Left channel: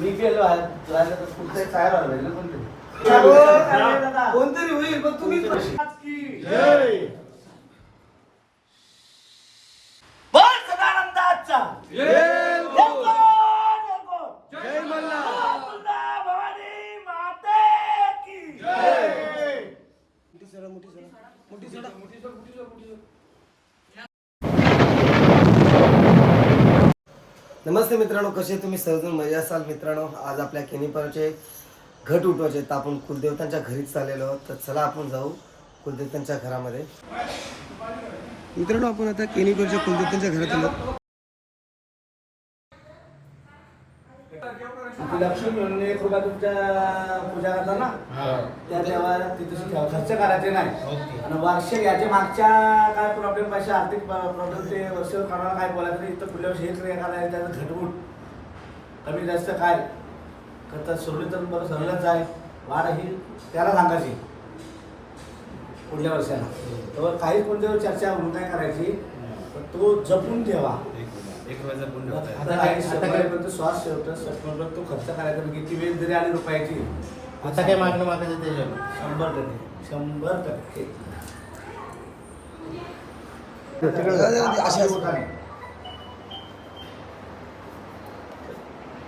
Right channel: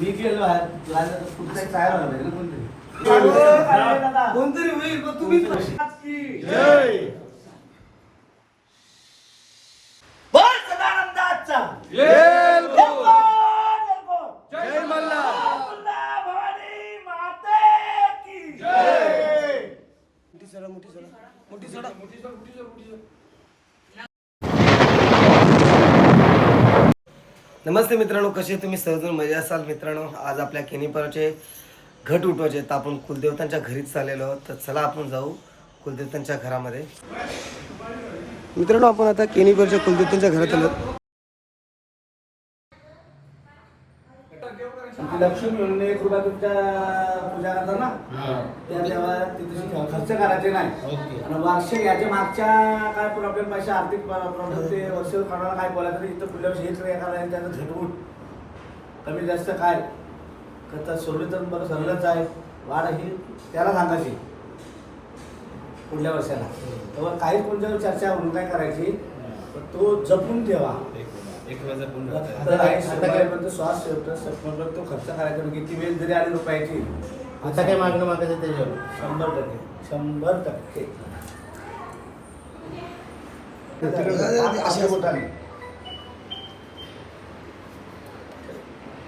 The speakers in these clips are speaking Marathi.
मी गेलो आहे. राहिलं तर कुठे तयार व्हायला पाहिजे ना कोणतरी. कोणतरी होईल पण तुम्हीच पाहिजे. बोल सदानंदाचा. नमस्ते मित्रांनो कसे तुम्ही? सहजून मजा असाल मित्रांनो. आज आपल्या केनीपरचे घट उठवायचे तर आपण कुलदेवतांच्या घरीच चाललेलो आहोत. तर चला आपण जाऊ कुलदेवतांच्या घरामध्ये. मित्रांनो आपण आता केनीपरच्या कुलदेवतांच्या घरात आलो लक्ष्मी म्हणून तुमच्या पूजा करता ना? त्या तेव्हा तिथे खर्च करायचे नाही. आणि वार्षिक याच्या मागच्या काय प्रॉब्लेम पाहिजे आर्थिक प्रॉब्लेम ते वर्ष करायला काय बोलायचं नाही इथं पुढल्या वर्षी हे क्रिया करायचं त्याचं घटमूट कमी जास्त काय तर सोडली तर बरं सरलच आहे वाढ ही त्याला सांगायची पुढल्या वर्षाला तेव्हा काही पुढच्या चर्चा म्हणून काय करायची पण तो जपून ठेवा श्वास सत्वप्रत तो खर्च करायचा म्हणजे किती वेळ जरी आली रुपयाची आता काय मागणं मागायचं त्याच्यावर शंभर टक्के. शंभर टक्के.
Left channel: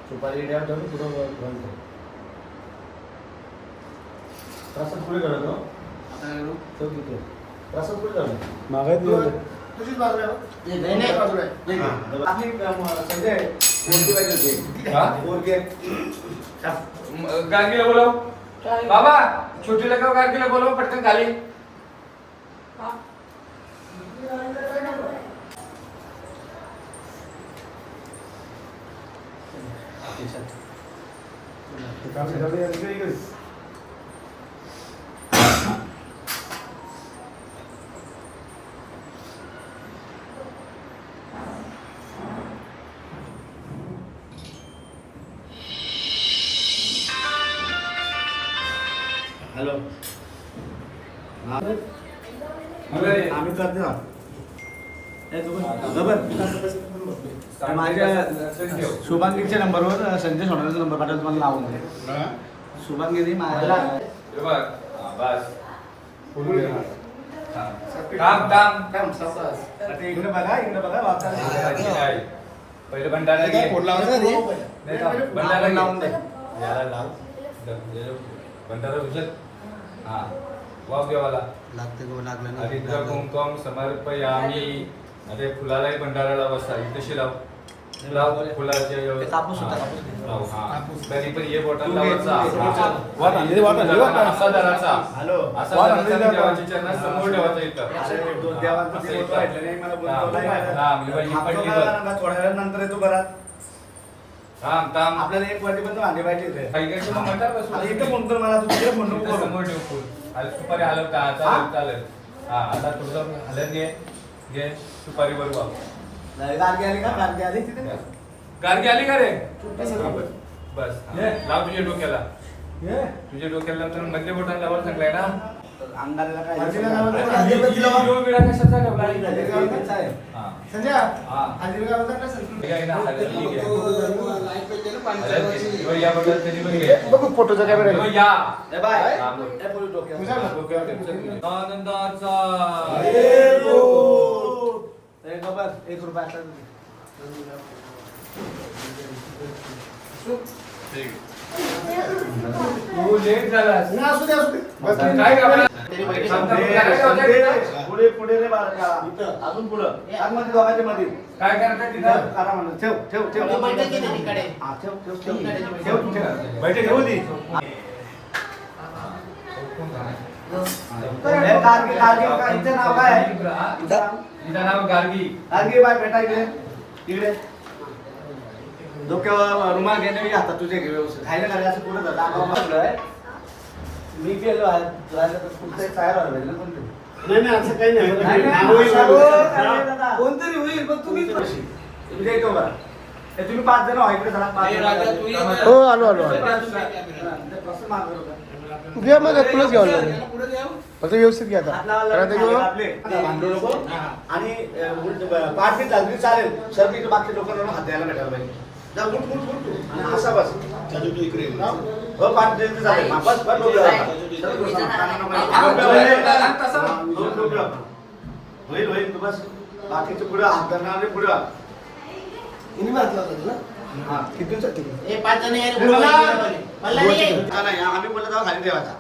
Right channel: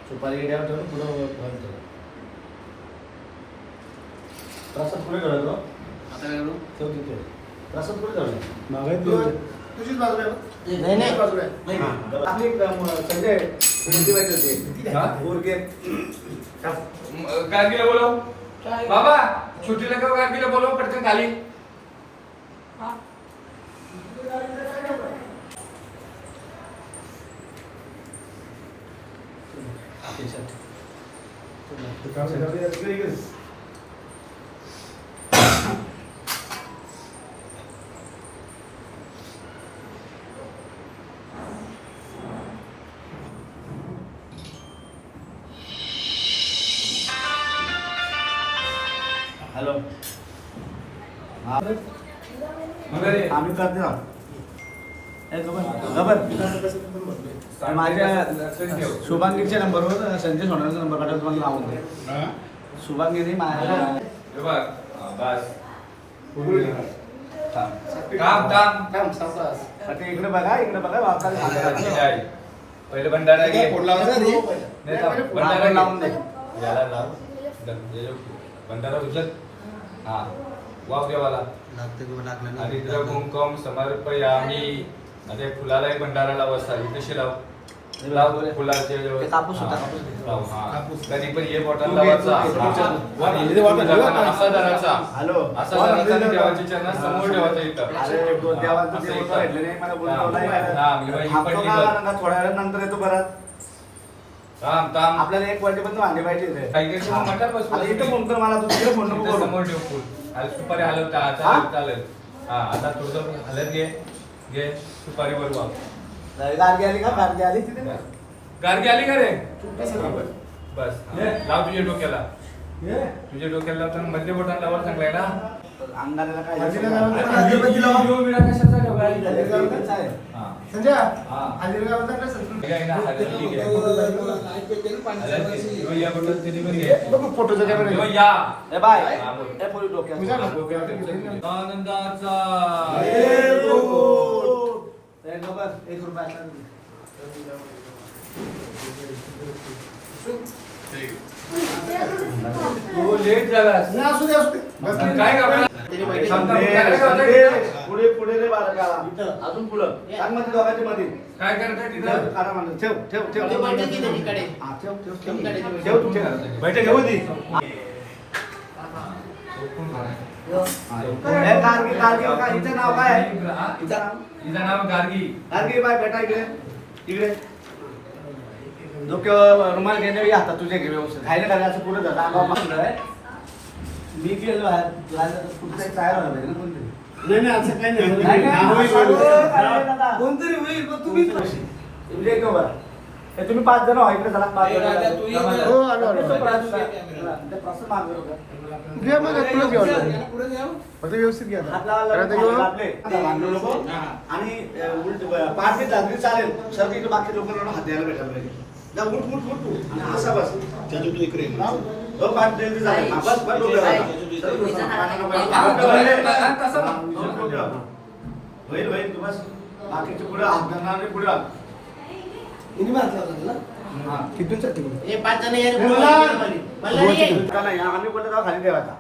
सुपारी जाऊन प्रसाद पुढे आता काय करू? ठेव तिथे. प्रसाद पुढे झालं तुझीच बाजू आहे? नाही नाही. बाजूला आहे. आपली अं, संजय फोर के होते हाँ फोर के गांगीला बोलो बाबा छुट्टी लगाओ गांगीला बोलो पटकन खाली हाँ आपके साथ शुभांगीच्या नंबरवर संजय सोनारचा नंबर पाठवला तुम्हाला लावून दे माझ्या इकडे बघा इकडे बघा. आहे. पहिले भंडारा घे. भंडारा लावून. दे. याला लाव. हे. भंडारा उचल. हा. वाव देवाला हरिद्र कुंकम समर्पयामी. आणि फुलालाही भंडारा लाव असा. इथे लाव. कापूस होता, हा, कापूस पण हे बॉटल. असा समोर ठेवायचा इथं. हा. हा, म्हणजे थोड्या वेळानंतर येतो परत. थांब थांब. आपल्याला एक वाटी पण वांगे पाहिजे इथे. मग फोन कर मला तू तिकडे फोन नको. समोर ठेव फुल. सुपारी हलवता? चालेल चालेल. हा आता तुझं हलत घे. घे सुपारी नाही, गारगी आली का गारगी आली तिथे गारगी आली का रे बस लाव तुझ्या डोक्याला तुझ्या डोक्याला लावतो मधले बोटाला लावायला सांगलाय ना अंगाला काय कशाचा ठेवला आनंदाचा एक रुपया लेट असू दे, असू दे. काय करणार? करणार? पुढे पुढे रे बाळा अजून पुढं? सांगमध्ये दोघांच्या मध्ये काय तिथं? करा म्हणलं. ठेव ठेव ठेव. हा, ठेव ठेव ठेव. ठेव तू ठेव बैठक घेऊ ती. ए, कारगी कारगी का हिचं नाव काय? आहे? हिचं नाव? तिचं नाव गार्गी कारगी बाय बेटा इकडे इकडे डोक्यावर रुमाल घेणे हातात तुझे घे व्यवस्थित खायला काय असं पुढे. मी गेलो आहे कुठे तयार व्हायला पाहिजे ना कोणतरी. नाही, नाही, असं काही नाही. नाही, नाही, होईल, असं होईल. होईल, काय होईल दादा? कोणतरी होईल पण तुम्हीच पाहिजे. इकडे एक नंबर. हे तुम्ही पाच जण इकडे जण हो, आलो, आलो. घ्या मग तुलाच घ्यावं लागेल. फक्त व्यवस्थित घ्या भांडू नको. आणि करा. पाठी चालली चालेल. सर तिथे बाकी लोकांना हात द्यायला भेटायला पाहिजे. जा, उठ, उठ, उठ, उठ. आणि असा बस. हो? पाच जण झाले बस बस डोक्यावर. डोक्यावर. होईल होईल तू बस. बाकीचे पुढे हात धरणारे पुढे. हात. इनी मारला होता तुला? हा. हे पाच जण आम्ही बोललो तेव्हा खाली ठेवायचा.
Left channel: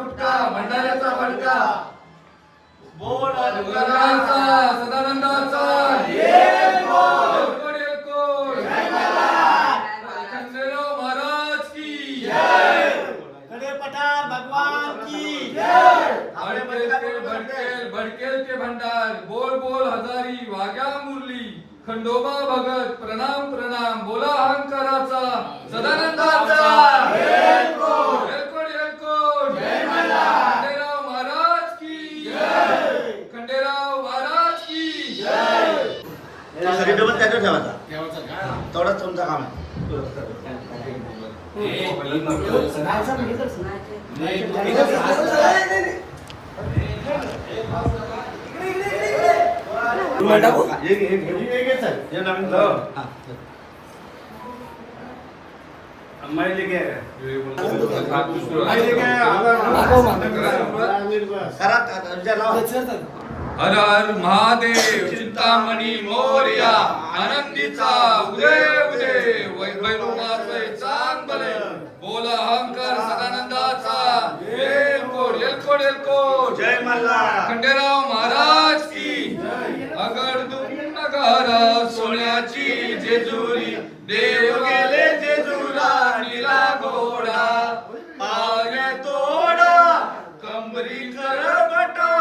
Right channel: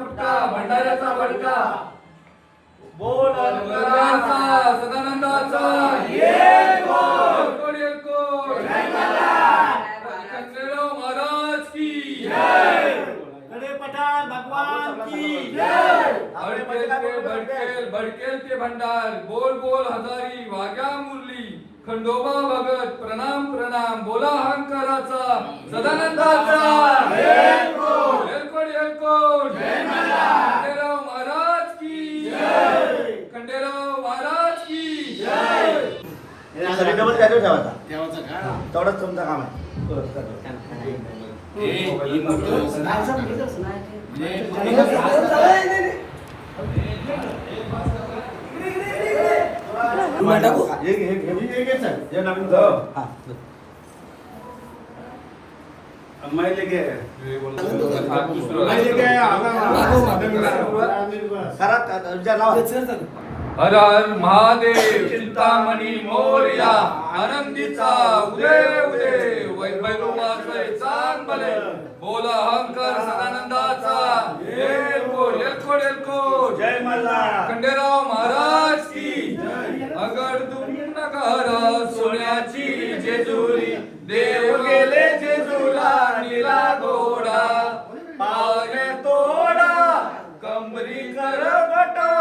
गुटका भंडाऱ्याचा भडका बोल गंगाचा सदानंदाचा एलकोट, एलकोट. खंडेराव महाराज की. कडे पठार भगवान की. भडकेल ते भडकेल भडकेल ते भंडार. बोल बोल हजारी वाग्या मुरली. खंडोबा भगत प्रणाम प्रणाम. बोला अहंकाराचा सदानंदाचा. तेवढंच तुमचं काम आहे एक एक एक एक एक साहेब. हे नवीन हो. हा. अम्माई लेके आहे. करा करा, विचार लावा. हर हर महादेव चिंतामणी मोर्या आनंदीचा उदय उदय वैभवाचे चांद बले बोला अहंकार सदानंदाचा एलकोट एलकोट एलकोट जय मल्ला खंडेराव महाराज की अगरदुम नगर सोन्याची जेजुरी देव गेले जे केला घोडा पाय तोडा कंबरी कर बटा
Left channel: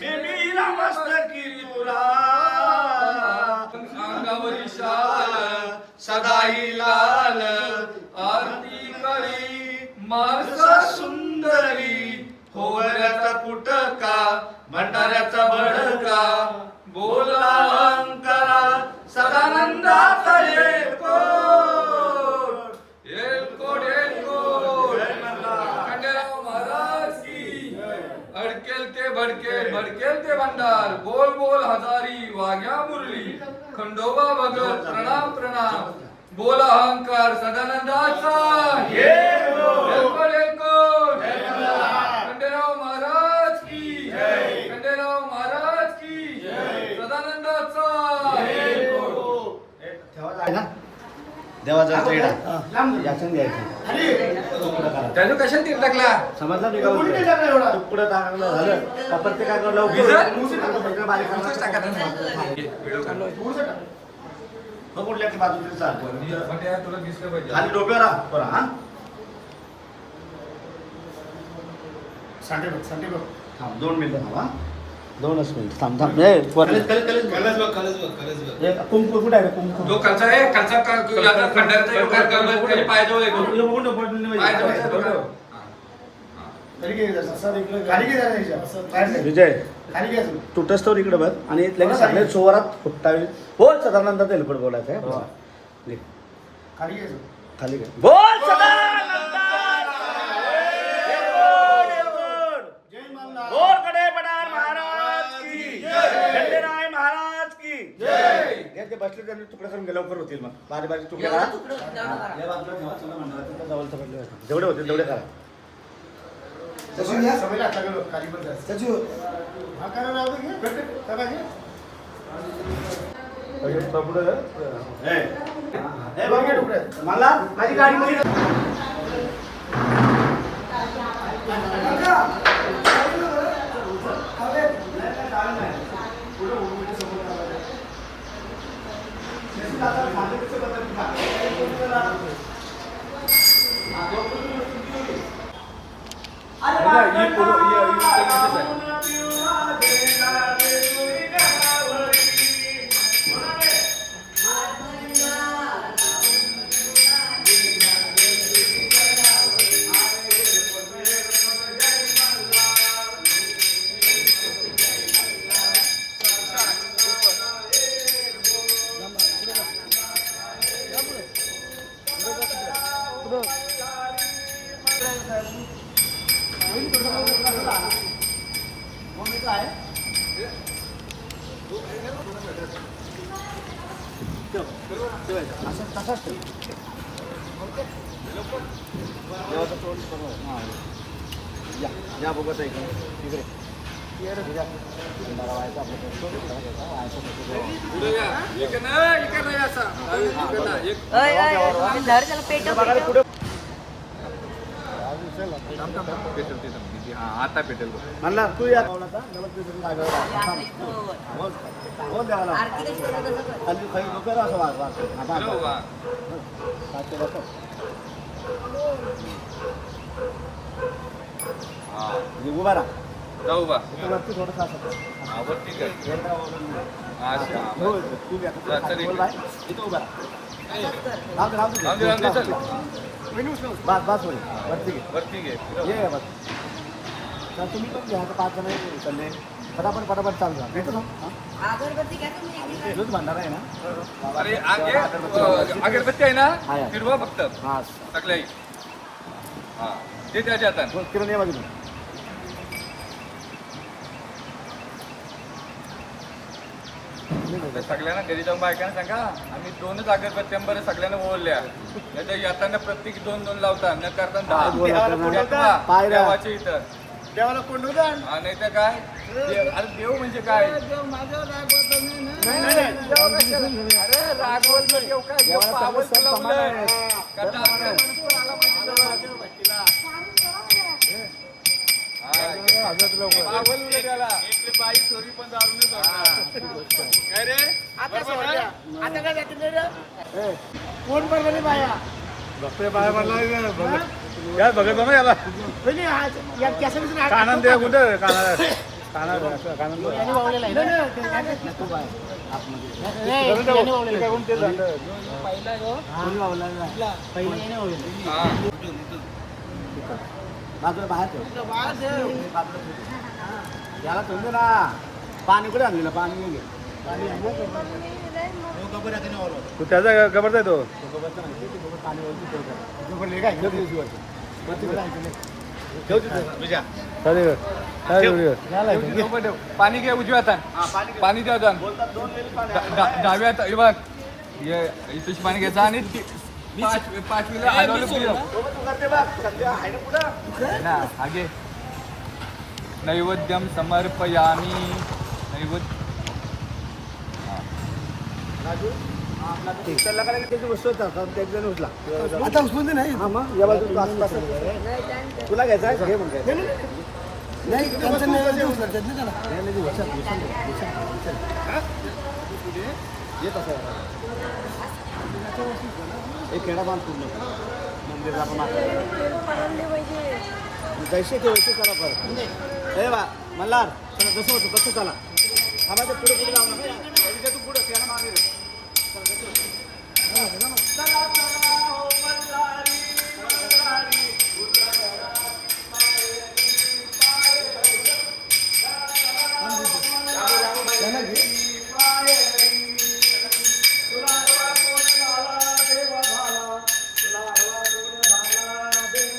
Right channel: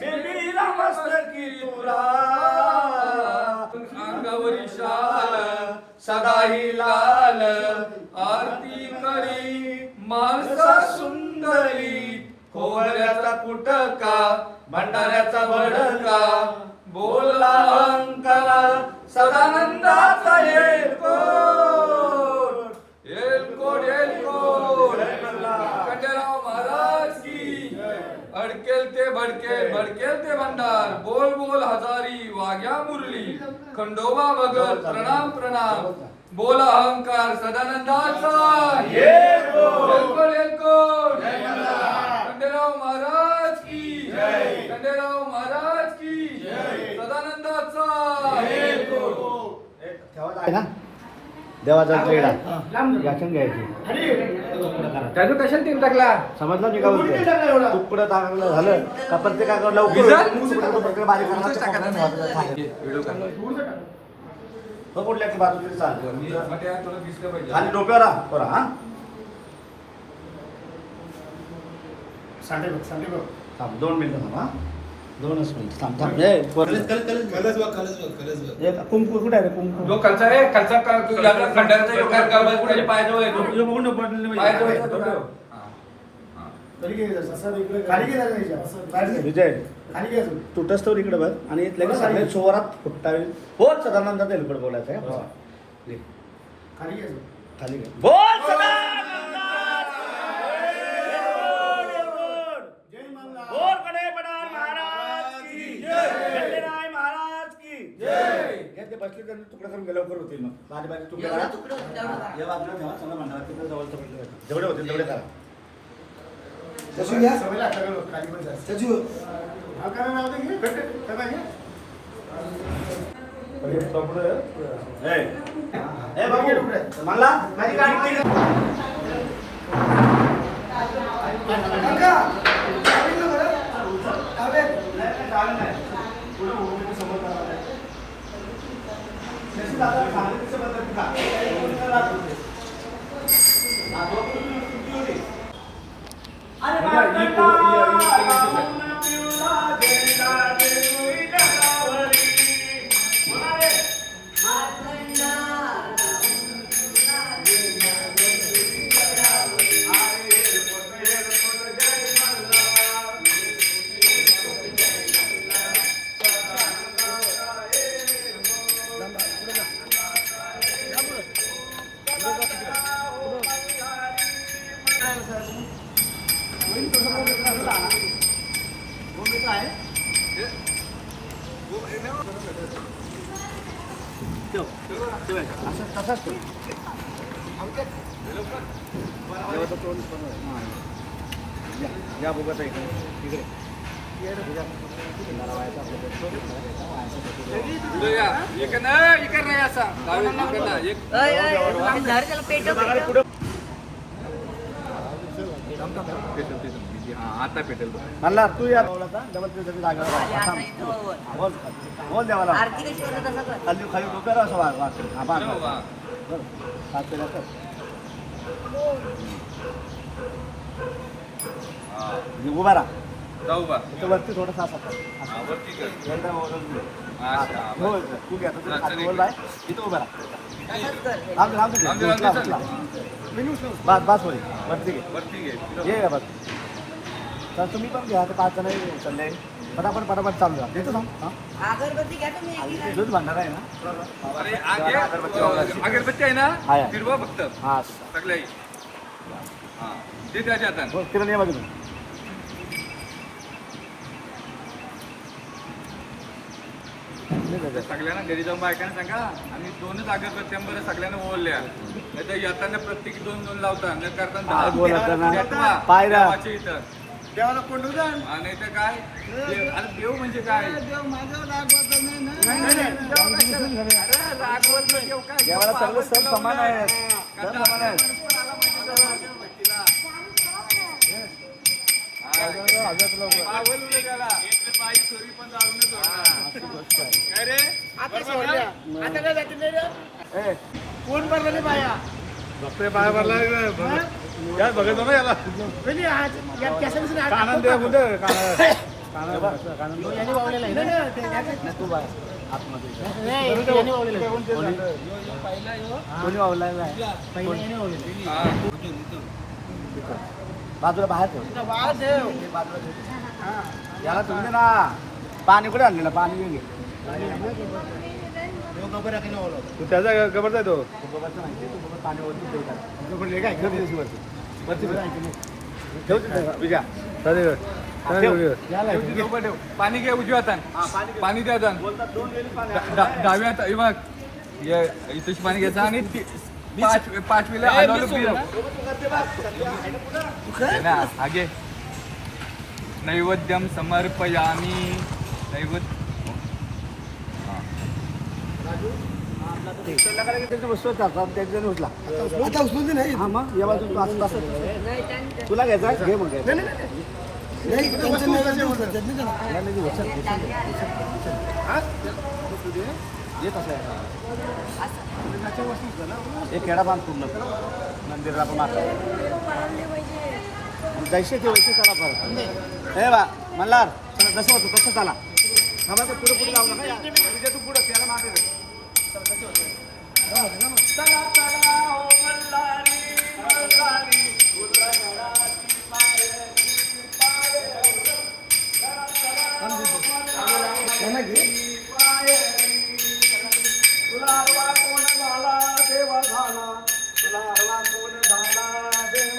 बेबीला मस्तकी तुरा अंगावरी शाल सदाई लाल आरती करी माणसा सुंदरी खोबऱ्याचा कुटका भंडाऱ्याचा भडका बोला सदानंदा सदानंदाचा एलकोट एलकोट एलकोट खंडेराव महाराज की अडकेल ते भडकेल भडकेल ते भंडार. बोल बोल हजारी वाग्या मुरली. खंडोबा भगत प्रणाम प्रणाम. बोल अहंकार सदानंदाचा. खंडेराव महाराज की. खंडेराव महाराज की. सदानंदाचा. देवाचा चेडा याच्यात घ्यायची. तुकडं करा. त्याचं कशाने तीन टाकला? समजलं मी का? तुकडं टाकलं झालं. का प्रत्येकाकडनं नाही. व्हिडिओ काढ. हो, बाजूला चाल. मी म्हटलं यार तुला दिसलं पाहिजे. खाली डोक्यावर राहा. बरं हा? सांडे बघ, सांडे बघ. थांब दोन मिनिटं थांब हा? दोनच मिनिट थांब थांब कुंकू कुठं आहे रे, कुंकू? जो आहे येतो हे पूर्ण. येतो? खाली घे जरा, असं इकडे खाली घे जरा याच्या, असं काढले. विजय खाली घे तू. तुटस तर इकडे बघ आणि लगेच बरोबर. सगळे चोरात फुटतावे हो सदानंद तेलपट बोलायचं आहे हा. घे. खाली घे तू. खाली घे. बोल सदानंद! जय मल्हार. बोलकडे पठार महाराज की खंडेराय महाराज की हे ते बसले त्यांनी तुकडे करून गेले लवकर होतील मग. बारी बारी तुकडे करा. या बाजूला ठेवा चला तिकडे जेवढे होतील तेवढे करा. सचिन खाली पण जा. सचिव हा, करा राहू दे, घे. कट. हे. हे. बघ, तुकडे. मला? माझी गाडी आहे. काका, चालेल ना बरं? चालेल. नाही, नाही, चालेल नाही. पुढे उभं उभं समोर जावं. जसं आता सांगितलं तसं बदल का? पुढे राहतो. हा, तो पण चुकी होती. अरे म्हणला तू या पावलाचा डबल राहा. थांब. बोल बोल देवाला खाली डोक्यावर असं वाग. हा, चलो. हो. सातशे. म्हणजे उभा राहा इथं वरती थोडंसं असं. हा. हा, हा, हो. ठीक आहे. आता या, तू खाली चल, बोल आहे. इथं उभा राहा. चल. उचला. बस बस होईल वरती घे ये बस तर तुम्ही पण घ्या आता पाच जण चालले पटापट पटापट चालू द्या घेतो ना हा? अगरबत्ती घ्या तुम्ही दूध भांडार आहे ना? अरे, आगे, तेव्हा अगरबत्ती. अगरबत्ती आहे ना? आहे, आहे. फिरवा फक्त. हा. सगळ्याही हा. ते त्याच्या हातात बोल, किरण ये बाजूला. ते सगळ्यांना घरी जाऊन बायकांना सांगा. आम्ही दोनच अगरबत्त्या बरं सगळ्यांना ओळल्या नाही येताना प्रत्येकी दोन दोन लावता. न करता दहा. इथं. देवाला कोंडू द्या. नाही तर काय अरे देव म्हणजे काय नाही, नाही. अरे, रागवत नाही, देव काय? देवाला सगळे सण समान आहे. करता आपल्या- रागवलं नाही त्याला. इथली बाई चोरी पण रागवली नाही. काय रे? आता सोडल्या आता काय जातील रे ए, कोण भरलेली बाया बघतोय बाहेर भरला यार बघितलं ना याला. नाही, नाही, आज- या- त्याच्या विषयी आज- कानान दे कुठं. हा. बाजूला बाहेर ठेव. बाजूला. याला दे ना. पाणी कुठे आणलेलं पाणी घे. तू त्याचा गबर आहे तो. तो गोबरचं नाही, ते तू गोबर पाणी. वरती तुझ्या. घे उजव्या. हा, पाणी द्या डाव्या हात- बघ. ये इथेच पाणी घ्यायचं आणि पाच आगे. नैवेद्यम समर्पयामी. नैवेद्य हा. संध्याकाळी त्याची वस्तू असतात, त्याच्याने उचला. आता उचलून नाही मग या बाजूला. तुला घ्यायचा आहे? घे मग घ्यायचा. नाही. हा? एक खेळा बांध पूर्ण मंदिरला मारतो जैसे ते वैसे चला परत हे बा मल्हार चला, जसं होतं तसं चला थांबा पुढे पुढे जाऊ नका तू पुढे त्याला मागे. चला चला हो मल्हारी मल्हारी तुझ्या घराची माहेरी, माहेरी. त्यांना घे. माहेरी. तुला हवा कोण झाला देव झाला तुला हवा कोण झाला देव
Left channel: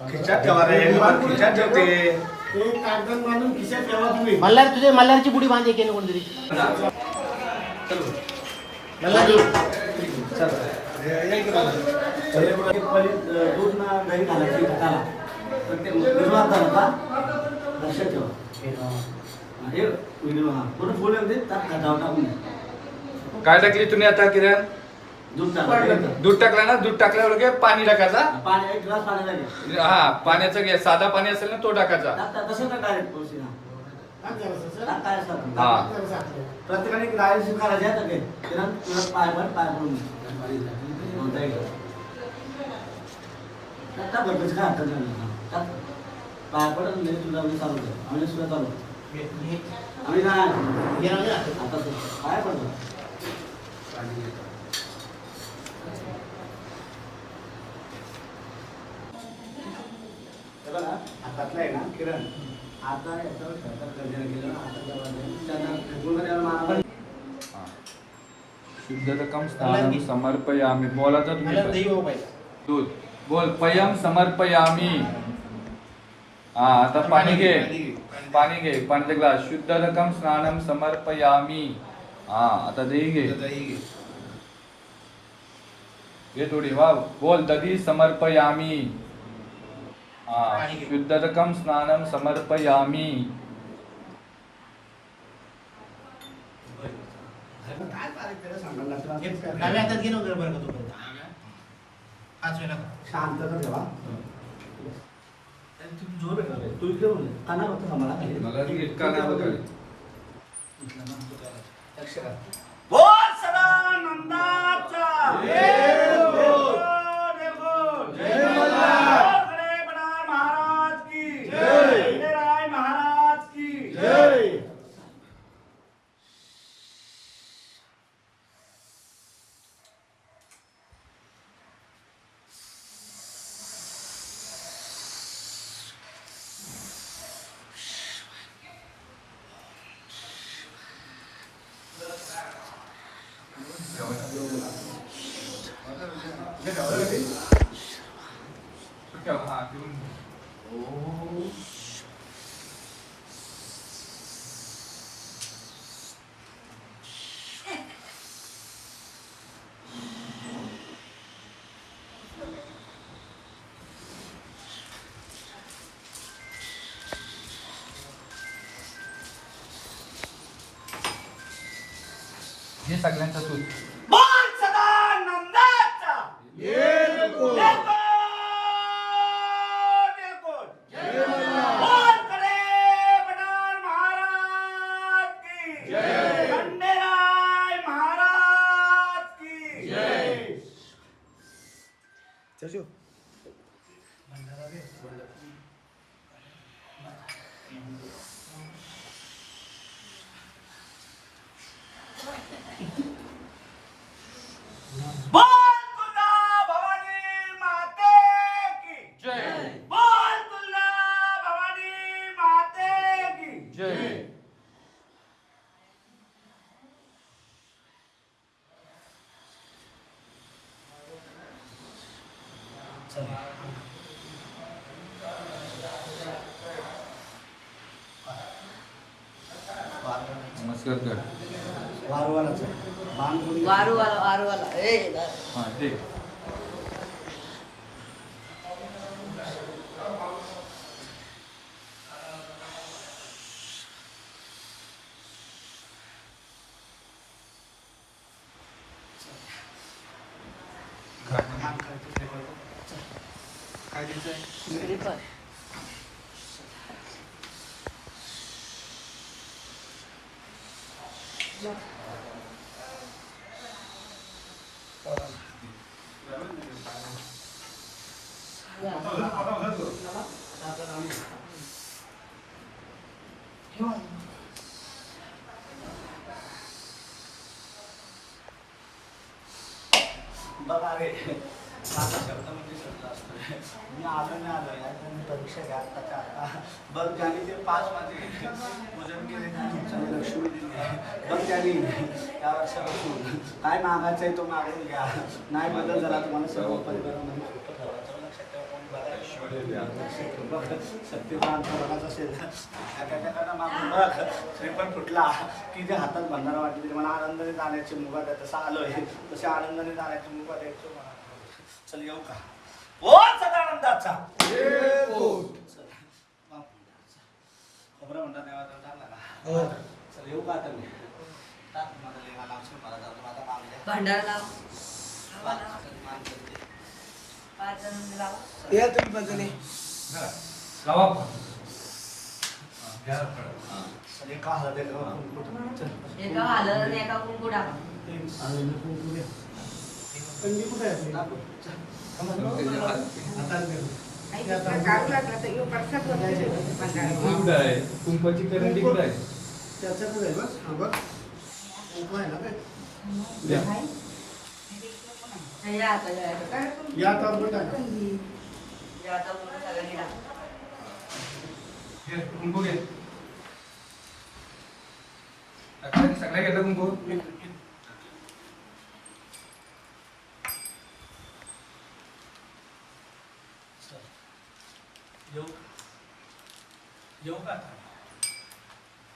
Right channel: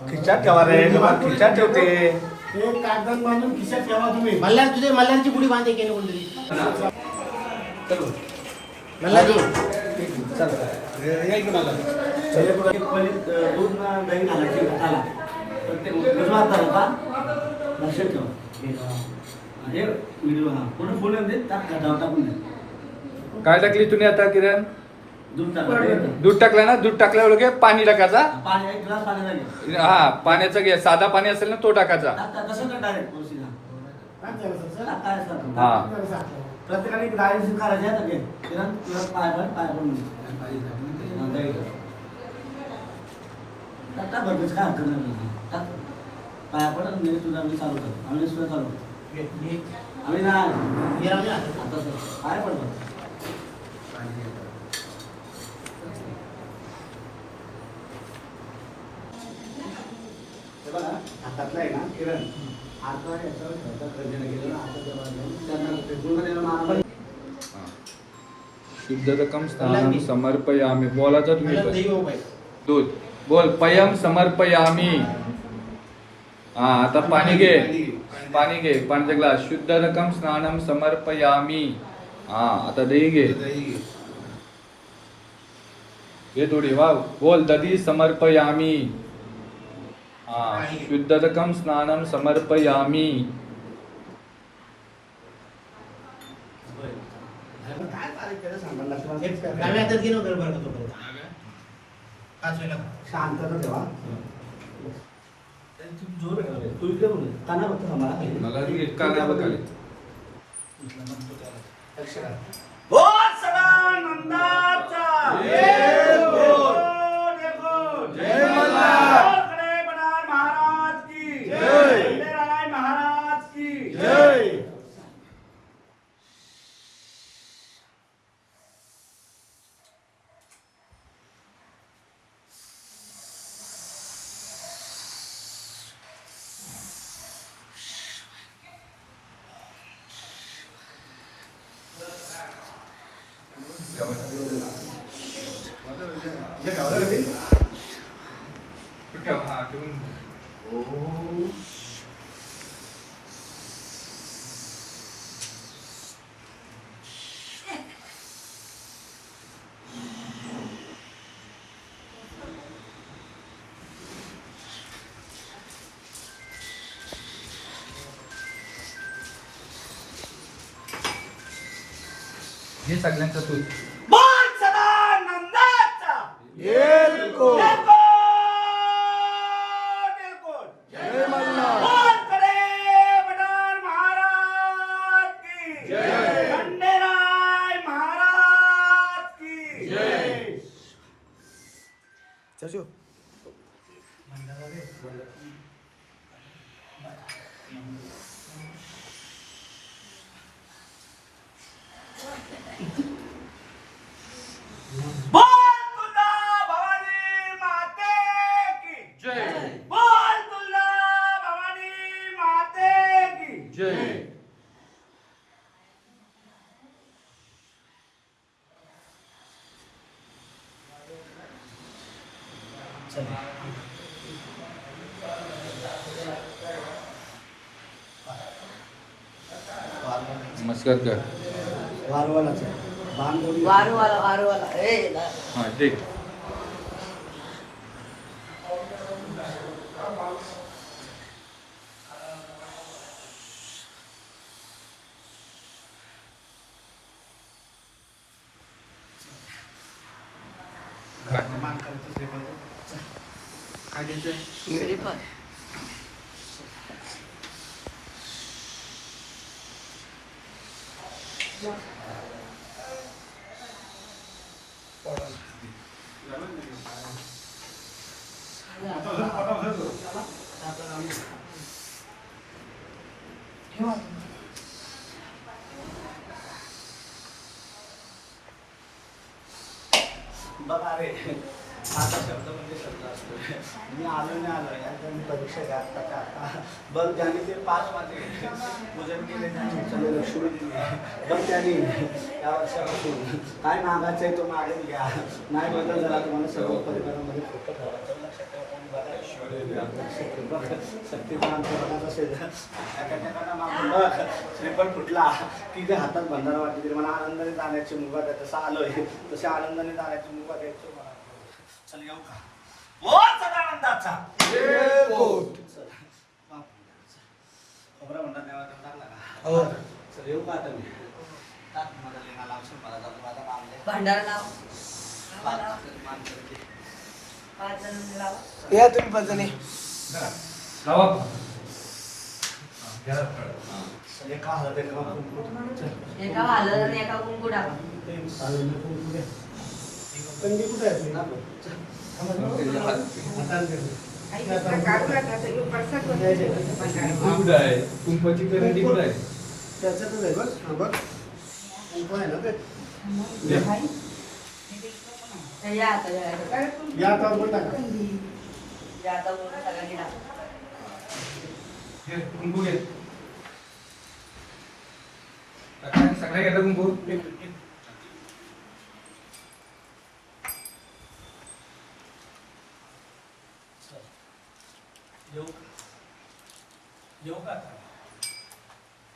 खिचात ठेवा रे खिचात ठेवते. मल्हार तुझे मल्हारची पुडी बांध एकेने कोणतरी मल्हार येऊ दूध ना दही घालायची हाताला तर ते उजवात झालं का लक्षात ठेवा हे व्हिडिओ हा थोडं फुल येऊन दे त्यात घाटावर टाकून दे काय टाकली तुम्ही आता किरण? दूध टाकलं दूध टाकलं ना? दूध टाकल्यावर घे पाणी टाकायचा? पाणी एक ग्लास पाणी लागेल. हा पाण्याचं घे साधा पाणी असेल ना तो टाकायचा. तसं तर डायरेक्ट तुळशी ना हा. प्रत्येकाने डायरेक्ट करायचे आहे घे. तुला पाय पण पाय पडून काय हरकत नाही. पाया पडत आम्ही चालू आम्ही सुद्धा चालू आम्ही नाही. आता काय पडतो हे बघा, हातातलं आहे ना किरण. आता याच्यावर आता स्नानम समर्पयामी. बोलायचं तुम्ही. पण. दूध. बोल. पयम समर्पयामी. हा आता पाणी घे. पाणी घे. पाण्याचा ग्लास शुद्ध रकम स्नानम समर्पयामी. हा आता दही घे. घे. थोडी. वा बोल. दधी समर्पयामी. शुद्ध रकम स्नानम समर्पयामी शांतता ठेवा तू जोर आहे. तू इकडे बोल काना खाली. मला लक्ष करा. बोल देखो. बोल गणेशनाथ महाराज की गणेशनाथ महाराज की हे सगळ्यांचं तू बोल सदानंदाचा. देखो, देखो. बोल गणेशनाथ महाराज की गणेशनाथ महाराज की बोल तुला भवानी माते की जय बोल तुला भवानी माते की जय नमस्कार कर. वारवालाचं. बाण बोलली. वारू वाला वारू वाला ए हा ठीक. बघा रे माझा शब्द म्हणजे शब्द असतो. मी आलो नाही आलो आणि मी परीक्षा घ्या आत्ताच्या आता बघ त्याने ते पाच माझे पूजन केले त्याने चला लक्ष्मी दिली. बघ त्याने या वर्षापासून काय मागायचं आहे तो मागून घ्या. नाही बदल झाला तुम्हाला सर्व परिवारामध्ये फोटो ठेवायचं तर ठेवा लक्षात ठेवा. श्रीफळ फुटला. की जे हातात भंडार वाटली तरी मला आनंदाने जाण्याची मुभा द्या तसं आलोय. तसे आनंदाने जाण्याची मुभा द्यायची मला चल येऊ का? ओ सदानंदाचा. चल. खोबरं म्हणणार देवाचा टाकला का? हो. चल येऊ का आता मी? टाक मला लेणा लावशील मला जाऊ दे, माझा नाव घे. भांडार लाव. पाच. पाच जण या तुम्ही लावा चल एका हालत आणि एका कुंकू टाक. ते चालेल, मी कुंकू घे. कंदी कुठे आहे. त्याच्यातच आहे. बघ हा बघ आहे ना ते? या आता या आता. वर टाका या आता सगळ्यांनी टाकू. घे सगळ्या घेतलं कुंभ बघ, या, या. दर चांगला सुरुवात करते आनंदाने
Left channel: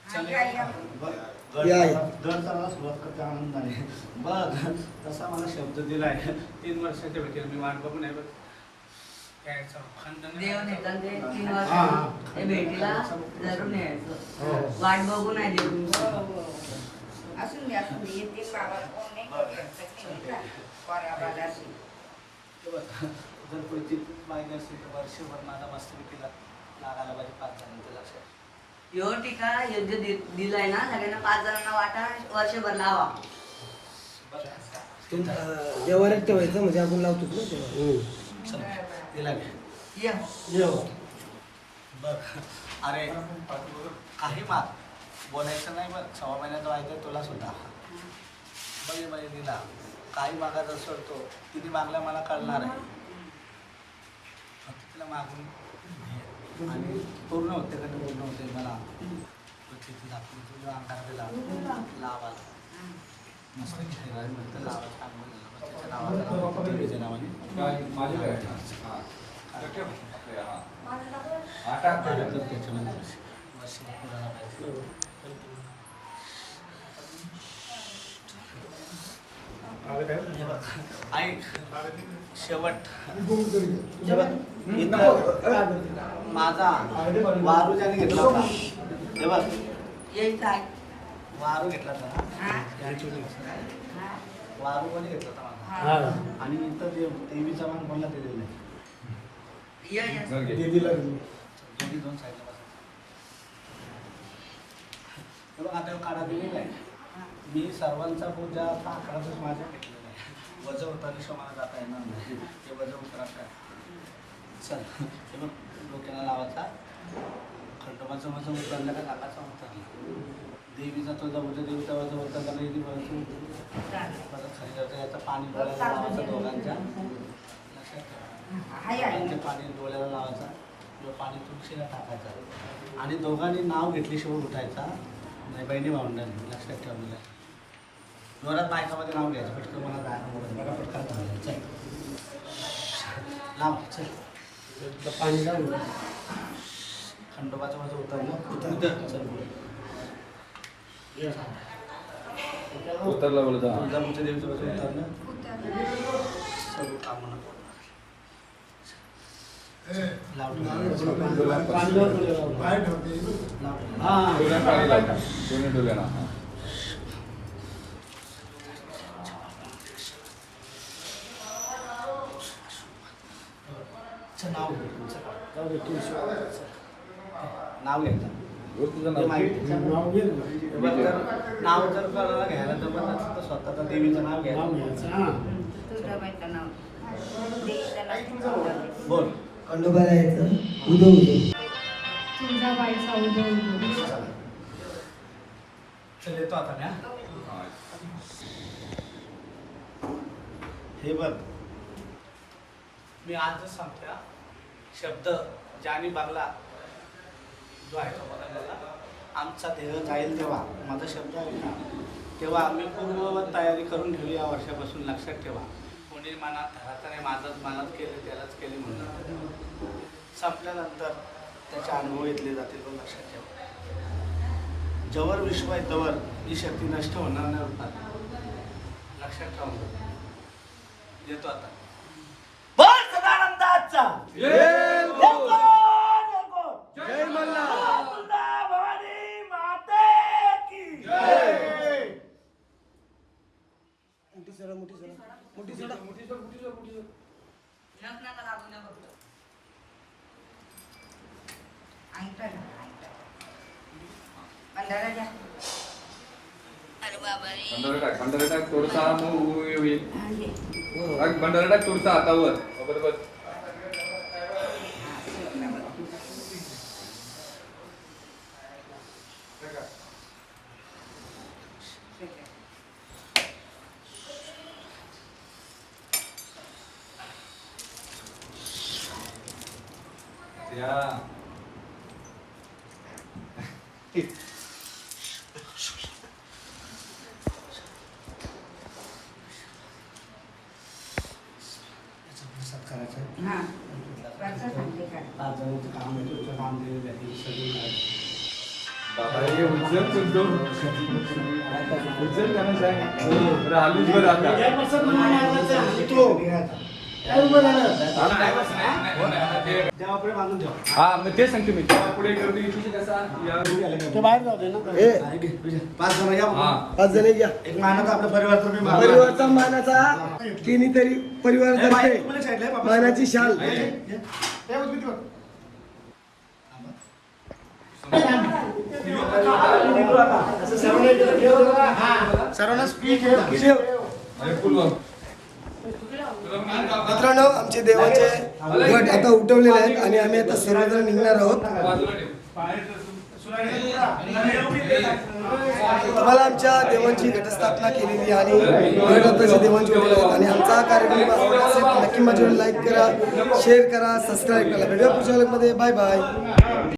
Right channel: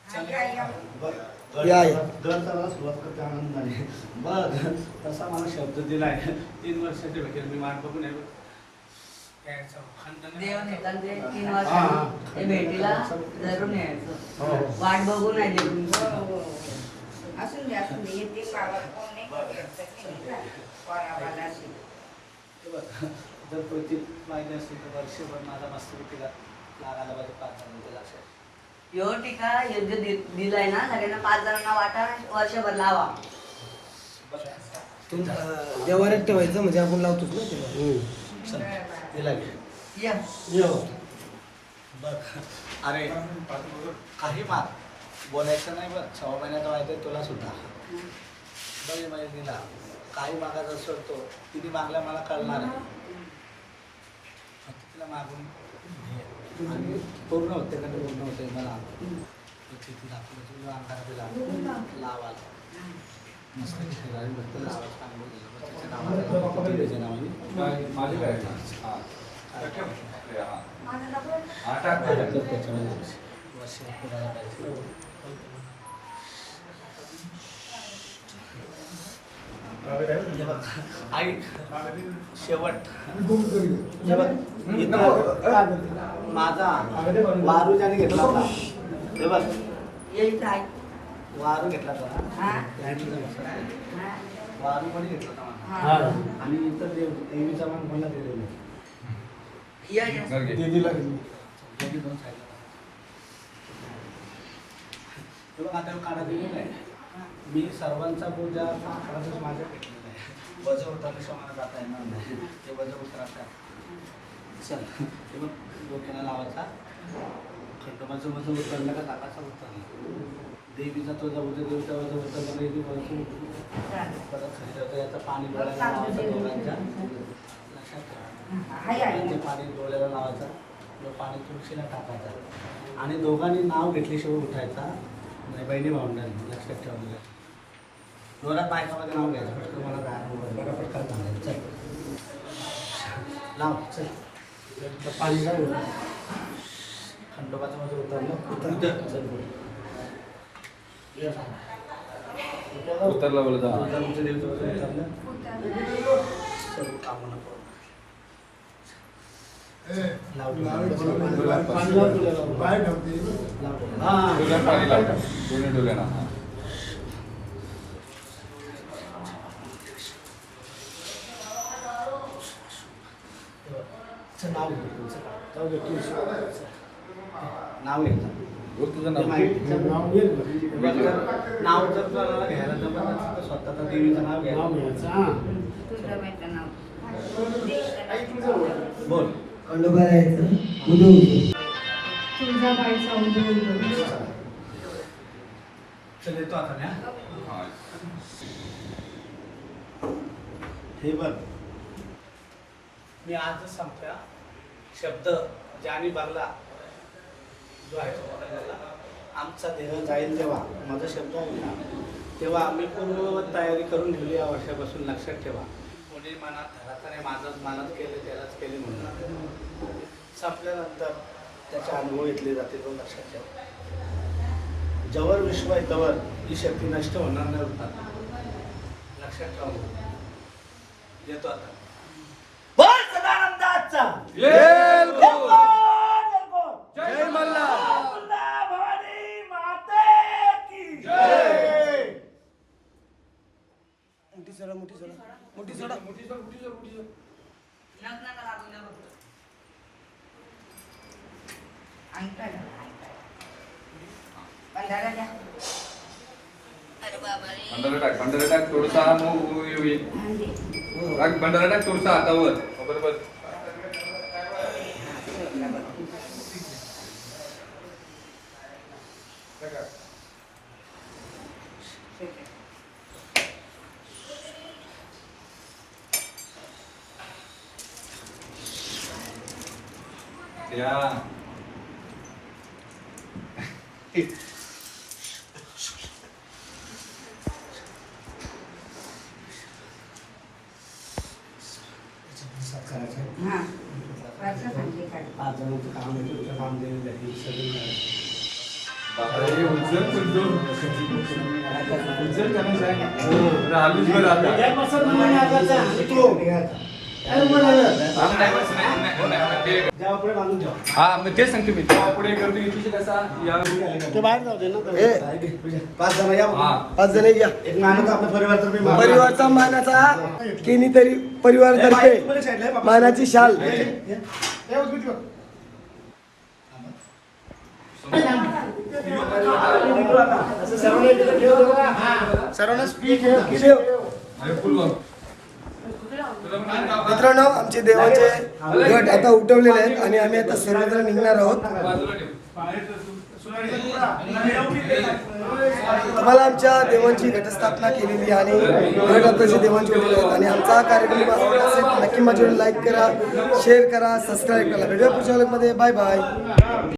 बघ तसा मला शब्द दिलाय. तीन वर्षाच्या भेटेल मी वाट बघ हा, हा. ते भेटीला जरूर यायचं. वाट बघू नाही देऊन नाही. हे जर पैसे पाहिजे असेल तर वर्षभर माझा मस्तपैकी लागायला पाहिजे पाच जणांचं लक्षात. यो टीका योग्य दि- दिलाय ना? सगळ्यांना पाच जणांना वाटा वर्षभर लावा. जेवण ठेवायचं म्हणजे आपण लावतो चल दिला घे या. यो. बघ अरे काही माग बोलायचं नाही बघ सव्वा महिन्यात व्हायचं तुला सुद्धा. बाई माहितीला काही मागायचं असेल तो किती मागला मला कळणार आहे. तिला मागून. आणि पूर्ण होते का पूर्ण होते मला तो किती दाखवलं तुला अंगात दिला लावा मस्त. मस्त लावा चांगलं? माझे काय हा. हा. हा, त्याच्यात. त्याच्यामध्ये वर्ष शेवट. इथं माझा वारू ज्याने घेतला होता. हे बघ. वारू घेतला होता हा. हा. वारू कोणी घेतला होता? हा. आणि इथं देव देवीचा मान कोणाला दिलेला आहे? ते दिलं दोन्ही दोन साईडला बसा. तुला आता काढा दिलेला आहे. मी सर्वांचा पूजा आकाराचं माझं पेटलेलं आहे. वज उतरल्याशिवाय मला जाता येणार नाही. ते वज उतरात काय चल हे बघ डोक्याला लावायचा. खंडोबाचं वज उतरलं का टाकाचं उतरलं? देवीचा तुझा वज देवीचा वज उतरला परत खाली जातं याचं पाणी डोळ्याला लावायचं दोघांच्या. लक्षात ठेवा. ते. पाणी डोळ्याला लावायचा. किंवा पाणी तुळशीला टाकायचा. आणि दोघांनी नाव घेतल्याशिवाय उठायचा. नाही बहिणी भावंडांनी लक्षात ठेवलं जोरात बायकामध्ये नाव घ्यायचं पटकन मला काय बघा पटकन सांगायचं चल. लाव चल. पाणी नाही होत. खंडोबाचं माझं उतरलं. उतर. चल उतरला बोलत होता. उतरलं. सर्व कामं घे तुमचं. जाऊ दे, तू चल. नाव घे बोल तुझं ते नाव. माहिती नाव घे ना. बघ जर नाव जर कोणाला घ्यायला जमत असेल तर स्वतःचं देवीचं नाव नाव घ्या घ्यायचं हा. तुझं माहिती नाव. दे त्याला. बोल खंडोबा यायचं उदो उदो तुळजा बाईचा उदो उदो चल येतो आता मी हा. बघ मी आजच सांगतोय हा. शब्द ज्याने बांगला जो आहे तो. आमचा देह जाईल जेव्हा माझा शब्द आहे ना तेव्हा आम्ही पूर्ण तयारी करून ठेवली या वर्षापासून लक्षात ठेवा कोणी मनात नाही माझंच मनात केलं त्यालाच केले म्हणून संपल्यानंतर त्याचे अनुभव घेतले जातील पण लक्षात ठेवा जवर विश्व आहे तवर ही शक्ती नष्ट होणार नाही होतात लक्षात ठेवा. देतो आता. बोल सदानंदाचा ये बोल! जय मल्हार. अबुल्ला भवानी माते की जय. मोठी सोडा मोठी सोडा मोठी सोडा लग्नाला लागून द्या बघ. अंगठा घाल. पंधरा घ्या. अरे बाबा रे अंदर टाक अंदर टाक थोडंसं हा मग होईल हा, घे. भंडारा टाक तुमचा हातावर बरोबर त्या तेच सांगतो मी या बाहेर जाऊ दे. पाच जण या हा. पाच जण घ्या एक मानाचा आपल्या परिवार तर मी मागणार. परिवारचा मानाचा केनी तरी परिवार ए, बाई, तर्फे तू पण साईडला आहे, बाबा. मानाची शाल ये, ये, ये. सर्वांना इकडे मित्रांनो आमचे देवाचे गट आता उठवलेले आहेत आणि आम्ही आता सर्वजण निघणार आहोत. तुम्हाला आमच्या देवांची घटस्थापना केलेली आणि घट आताचे देवांचे उठलेले आहेत. आणि आमचा हा कार्यक्रम आवडला असेल नक्की माझ्यावर लाईक करा शेअर करा सबस्क्राईब करा. व्हिडिओ पुढच्या मध्ये. Bye bye